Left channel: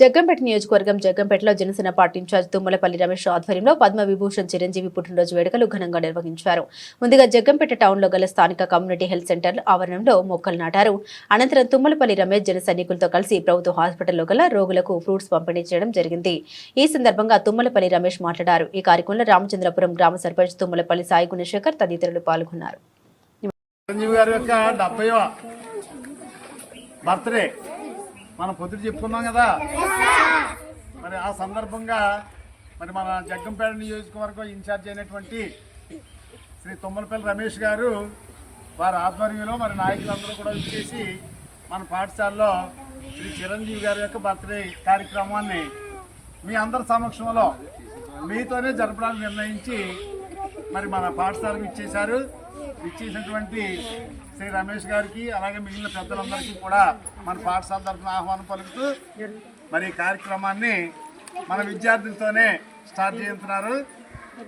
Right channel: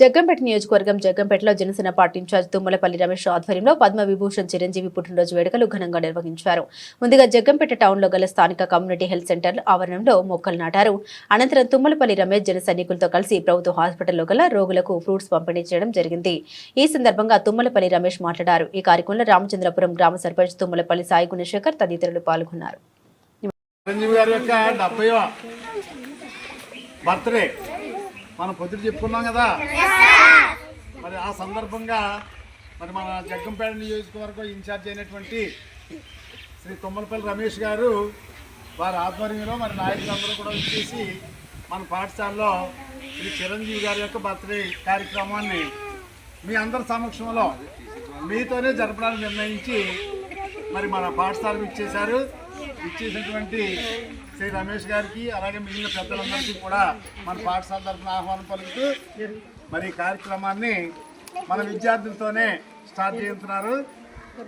జగ్గంపేట నియోజకవర్గం జగ్గంపేటలో Janasena party incharge Tummalapalli Ramesh ఆధ్వర్యంలో పద్మ విభూషణ్ చిరంజీవి పుట్టినరోజు వేడుకలు ఘనంగా నిర్వహించారు. ముందుగా జగ్గంపేట టౌన్లో గల స్థానిక కమ్యూనిటీ హెల్త్ సెంటర్ ఆవరణంలో మొక్కలు నాటారు. అనంతరం తుమ్మలపల్లి రమేష్ జన సైనికులతో కలిసి ప్రభుత్వ హాస్పిటల్లో గల రోగులకు ఫ్రూట్స్ పంపిణీ చేయడం జరిగింది. ఈ సందర్భంగా తుమ్మలపల్లి రమేష్ మాట్లాడారు. ఈ కార్యక్రమంలో రామచంద్రపురం గ్రామ సర్పంచ్ తుమ్మలపల్లి సాయి గుణశేఖర్ తదితరులు పాల్గొన్నారు. బర్త్డే మనం పొద్దుట చెప్పుకున్నాం కదా? మరి ఆ సందర్భంగా మరి మన జగ్గంపేట నియోజకవర్గం ఇన్ఛార్జ్ అయినటువంటి శ్రీ తుమ్మలపల్లి రమేష్ గారు వారి ఆధ్వర్యంలో మరి నాయకులందరూ కూడా వచ్చేసి మన పాఠశాలలో శ్రీ చిరంజీవి గారి యొక్క బర్త్డే కార్యక్రమాన్ని మీ అందరి సమక్షంలో మీతోనే జరపడానికి నిర్ణయించి మరి మన పాఠశాలకు ఇచ్చేశారు. ఇచ్చేసినటువంటి శ్రీ రమేష్ గారికి అలాగే మిగిలిన పెద్దలందరికీ కూడా మన పాఠశాల తరఫున ఆహ్వానం పలుకుతూ మరి ఈ కార్యక్రమాన్ని మన విద్యార్థులతోనే స్టార్ట్ చేస్తున్నారు.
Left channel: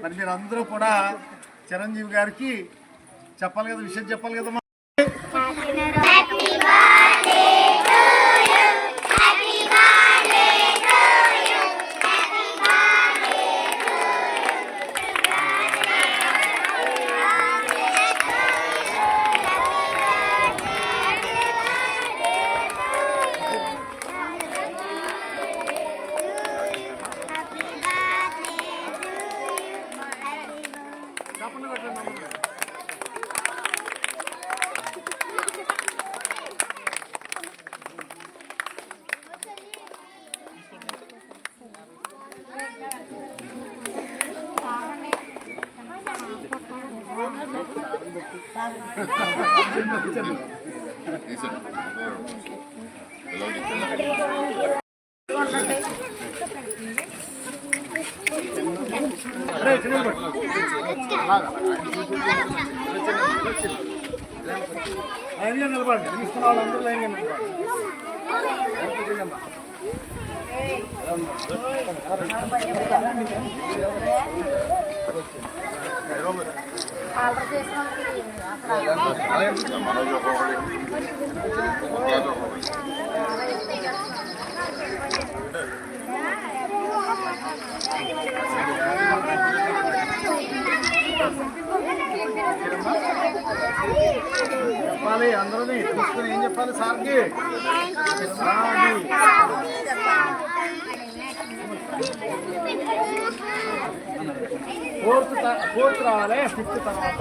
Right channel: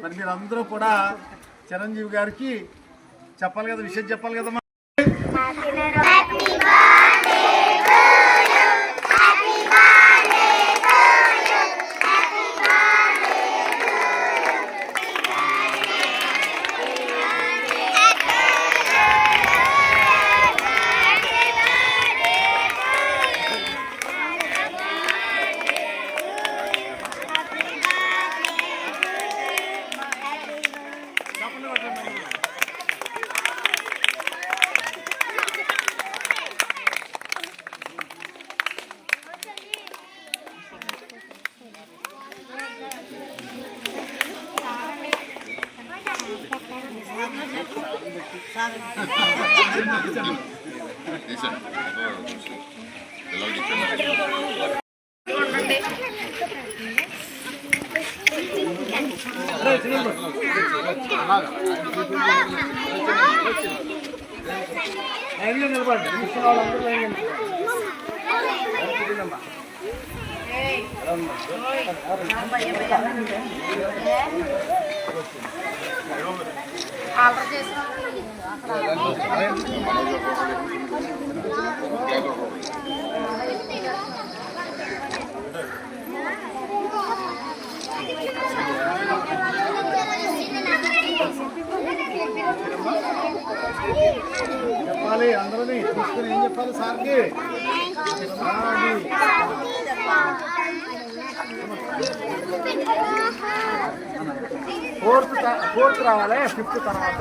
మరి మీరు అందరూ కూడా చిరంజీవి గారికి చెప్పాలి కదా విషయం చెప్పాలి కదా Eso, లైన్లో నిలబడండి. చూస్తున్న వాళ్ళందరూ లైన్లో నిలబడండి. చెప్పాలి అందరినీ తీసుకుని ఏం చెప్పాలి సార్కి? ఫోర్త్ ఫోర్త్ రావాలి ఫిఫ్త్ తర్వాత.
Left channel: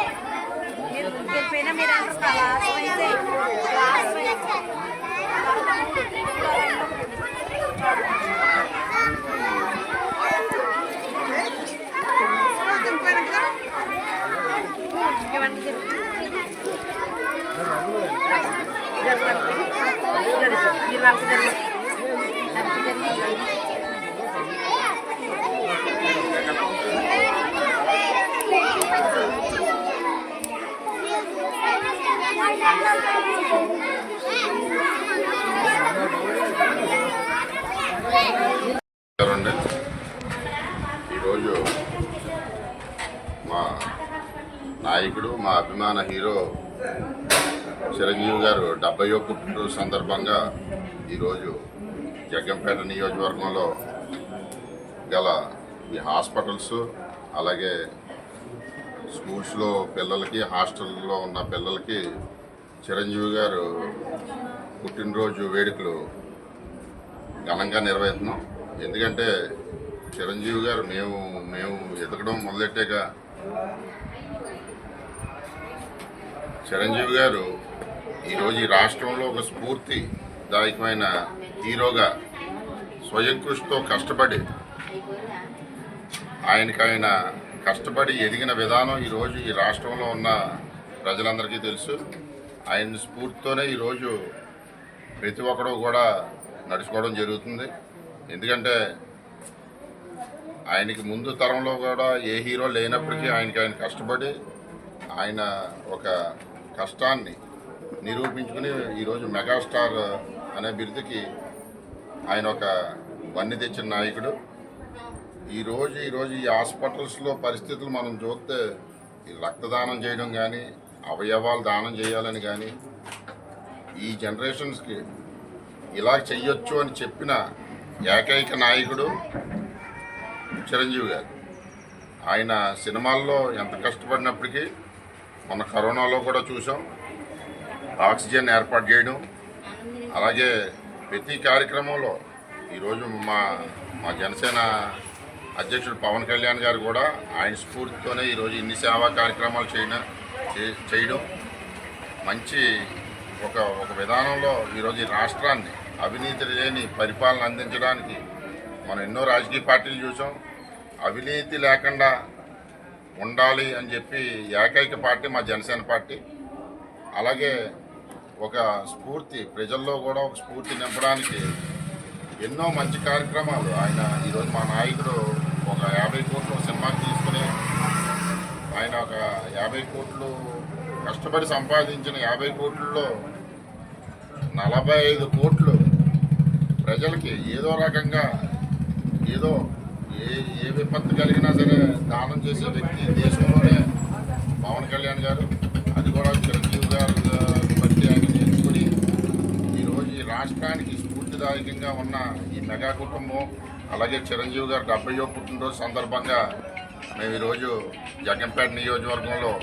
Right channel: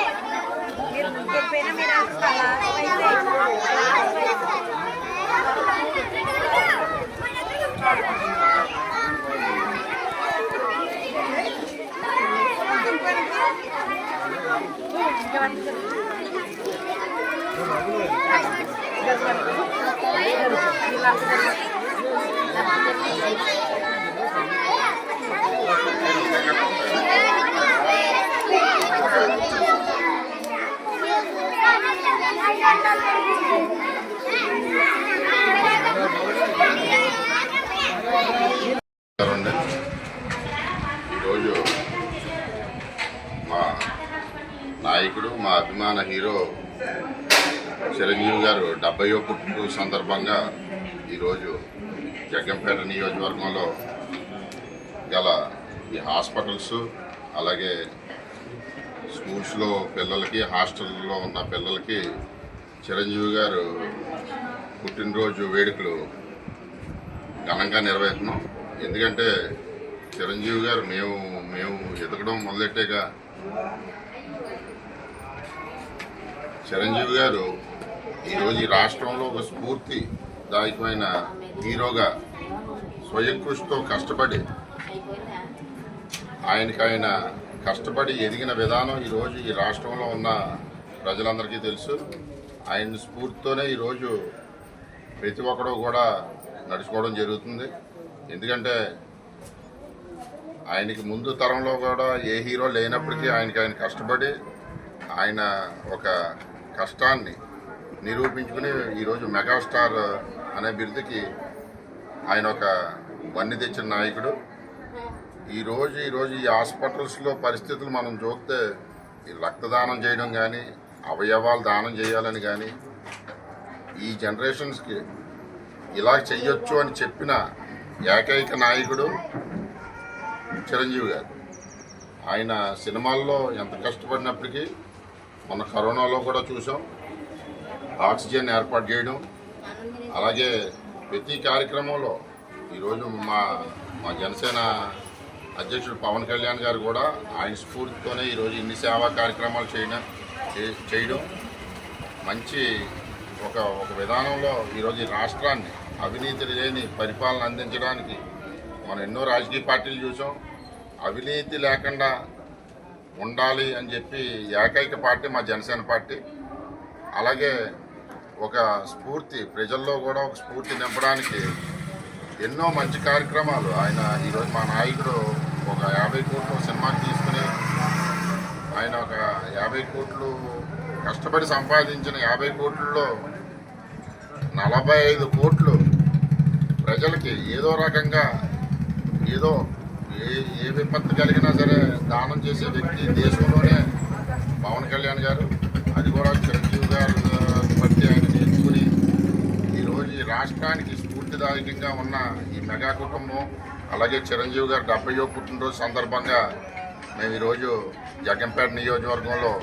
మేడం కొంచెం Pero usted ఈరోజు మా నాయకుడు మా అభిమాన హీరో చిరంజీవి గారు డెబ్బై పుట్టినరోజు సందర్భంగా ఈరోజు జగ్గంపేట నియోజకవర్గంలో గల ఈ హాస్పిటల్స్ అలాగే స్కూల్స్లో పిల్లలకి హాస్టల్లో ఉన్న పిల్లలకి చిరంజీవి గారు పుట్టినరోజు వేడుకలు ఘనంగా నెరవేరుతున్నాం ఎందుకంటే చిరంజీవి గారు మేము మేము ఎదగడం మొదలెట్టాక చిరంజీవి గారు ఈరోజు ఈ రాష్ట్రంలో ఒక స్ఫూర్తిదాయకమైన హీరోగా స్వయం కృషితో కష్టపడి ఆయనకాయన ఆయన కష్టపడి ఎదిగిన విధానం ఈరోజు ఈ రాష్ట్రంలో ఉన్న ప్రజలందరికీ తెలుసు. ఆయన స్ఫూర్తితోనే ఈరోజు ప్రతి ఒక్కరూ కూడా నడుచుకోవడం జరుగుతుంది. ఎందుకంటే ఆయనకి ముందు తరంలో కూడా ఏ హీరో లేనప్పటికీ ఆయనకి ఆయన కష్టపడి ఆయన ఒక కష్టాన్ని నిరూపించుకుని ఈరోజు మెగాస్టార్ అనే బిరుదుకి ఆయన ఒక వన్ని తెచ్చిన నాయకుడు. ఈరోజు ఈరోజు ఈ హాస్పిటల్స్లో పరిస్థితులు మనం చూస్తే ఈ రక్తదానం చేయడం కానీ అవయవాలు దానం చేయాలని కానీ ఈ జనరేషన్స్కి ఇలా చెయ్యొచ్చు అని చెప్పిన ఏకైక నాయకుడు చిరంజీవి గారు. ఆయన సినిమాల్లో ఎంత కష్టపడినప్పటికీ మొన్న కరోనాలో కూడా చూసాం ఆక్సిజన్ ఏర్పాటు చేయడం. అలాగే ప్రతి కార్యక్రమంలో ఈరోజు మా మా జనసేన అధ్యక్షుడు పవన్ కళ్యాణ్ గారు కూడా ఆయన స్ఫూర్తితోనే ఈరోజు ఇన్ని సేవా కార్యక్రమాలు చేయడం చేయడం. మంచి ఒక ఒక విధానంలో ఈరోజు ఈ రాష్ట్రాన్ని అవినీతి లేని పరిపాలన అందించడానికి మనం ఎన్నో రాజకీయ పార్టీలు చూసాం అవినీతి లేకుండా ఉండాలి అని చెప్పి ఏకైక పార్టీ మా జనసేన పార్టీ. అలాగే ఒక స్ఫూర్తి ప్రజల్లో కూడా ఒక స్ఫూర్తి నింపడానికి ఎన్నో మంచి కార్యక్రమాలు ఆయన ఈరోజు మా నాయకుడు ఒక యాభై కోట్ల సినిమా తీసుకుని ఆయన ఒక యాభై కోట్లు కష్టపడి సంపాదించిన యాభై కోట్లలో నలభై ఐదు కోట్లు ప్రజలకి ఏదో రకంగా ఏదో ఏ ఏ విపత్తు కలిగినా సరే దానం చేసే వ్యక్తి దేశంలోనే పవన్ కళ్యాణ్ గారు. అది కూడా చిరంజీవి గారు బట్టి ఆయన నేర్చుకుని ఈరోజు ఈ రాష్ట్రానికి స్ఫూర్తిదాయకంగా ఉన్న ఈ మెగా కుటుంబం అలాగే చిరంజీవి గారు డెబ్బయో పుట్టినరోజు సందర్భంగా మేము ఈరోజు జగంపేట నియోజకవర్గంలో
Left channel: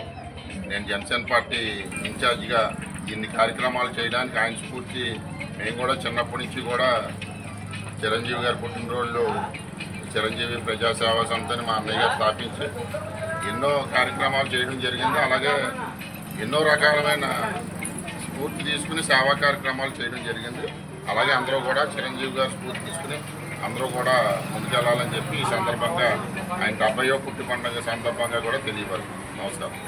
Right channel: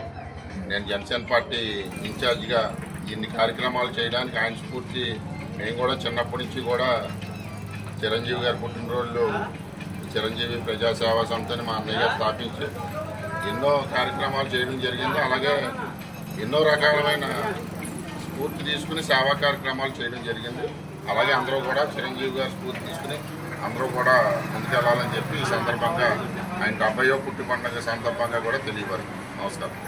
నేను జనసేన పార్టీ ఇన్ఛార్జిగా ఇన్ని కార్యక్రమాలు చేయడానికి ఆయన స్ఫూర్తి మేము కూడా చిన్నప్పటి నుంచి కూడా చిరంజీవి గారి పుట్టినరోజులు చిరంజీవి ప్రజాసేవా సంస్థని మా అన్నయ్య గారు స్థాపించి ఎన్నో కార్యక్రమాలు చేయడం జరిగింది. అలాగే ఎన్నో రకాలమైన స్ఫూర్తి తీసుకుని సేవా కార్యక్రమాలు చేయడం జరిగింది. అలాగే అందరూ కూడా చిరంజీవి గారు స్ఫూర్తి తీసుకుని అందరూ కూడా ముందుకెళ్ళాలని చెప్పి ఈ సందర్భంగా ఆయన డెబ్బయో పుట్టి పండుగ సందర్భంగా కూడా తెలియవాలి నమస్కారం.